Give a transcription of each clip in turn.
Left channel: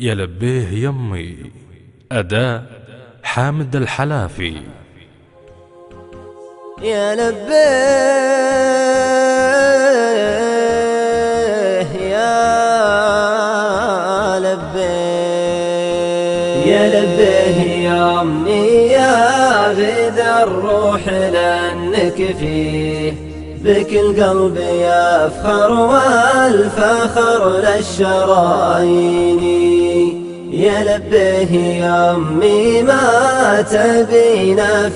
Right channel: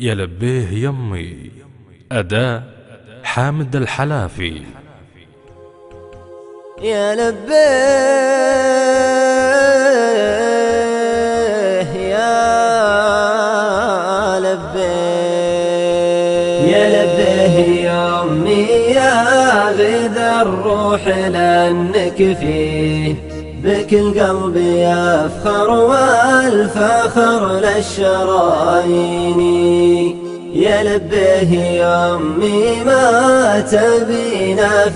يا لبيه يمي. أداء حامد الحلافي. يا لبيه يا لبيه يا لبيه يا أمي يا غذا الروح لأنك فيه بك القلب يفخر والفخر للشرايين. يا لبيه يا أمي ما تبينا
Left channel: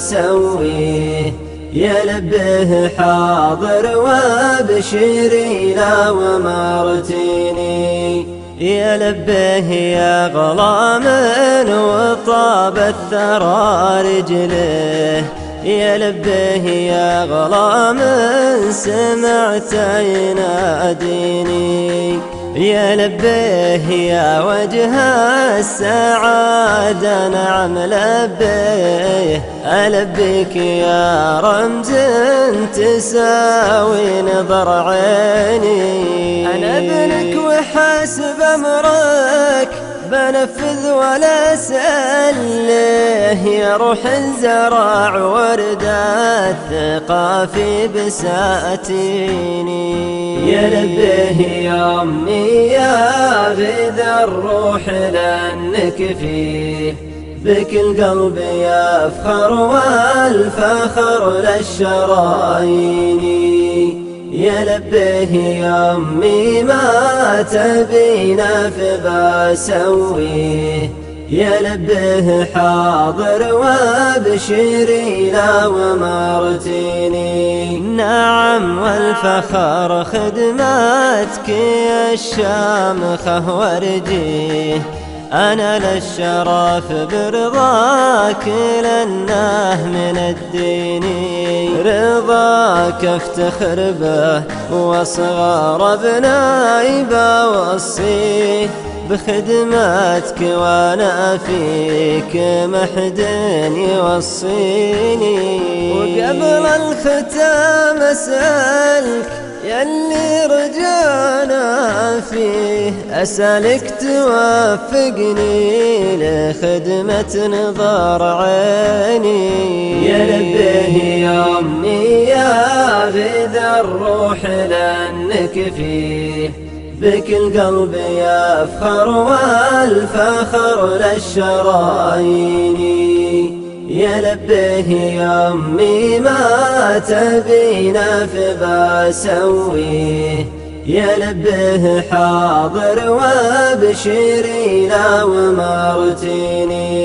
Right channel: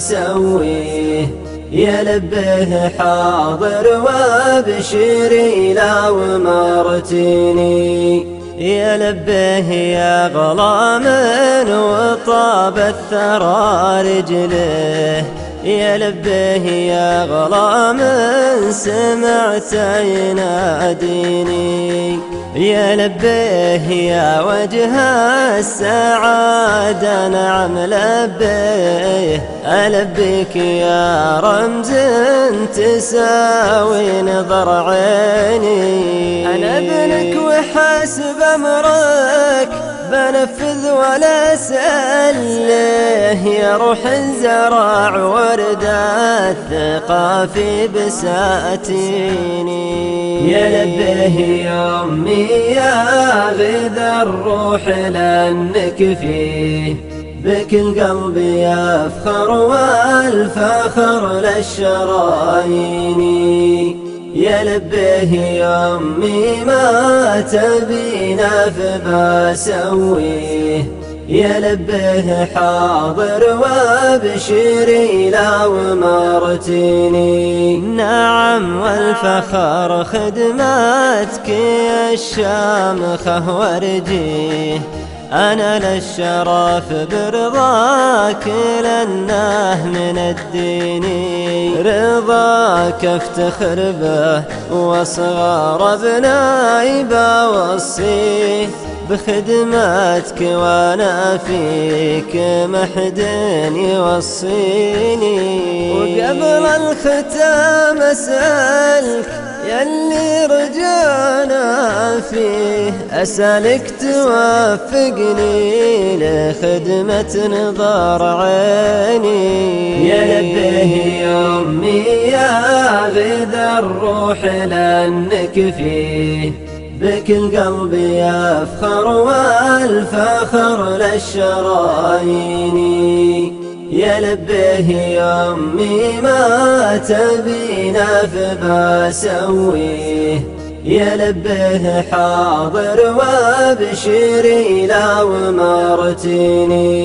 فبسويه. يا لبيه حاضر وابشري لو مرتيني. يا لبيه يا غلام وطاب الثرى رجله. يا لبيه يا غلام سمعت يناديني. يا لبيه يا وجه السعادة نعم لبيه. ألبيك يا رمز تساوي نظر عيني. أنا ابنك وحسب أمرك بنفذ ولا أسأله. يا روح الزرع ورد الثقة في بساتيني. يا لبيه يا أمي يا غذا الروح لأنك فيه بك القلب يفخر والفخر للشرايين. يا لبيه يا أمي ما تبينا فبسويه. يا لبيه حاضر وابشري لو مرتيني. نعم والفخر خدماتك يا الشامخة ورجيه. أنا للشرف برضاك لأنه من الدين. رضاك افتخر به وصغار ابنائي بوصيه. بخدماتك وانا فيك محد يوصيني. وقبل الختام اسألك يلي رجعنا فيه. أسألك توفقني لخدمة نظر عيني. يا لبيه يا أمي يا غذا الروح لأنك فيه بك القلب يفخر والفخر للشرايين. يا لبيه يا أمي ما تبينا فبسويه. يا لبيه حاضر وابشري لو مرتيني.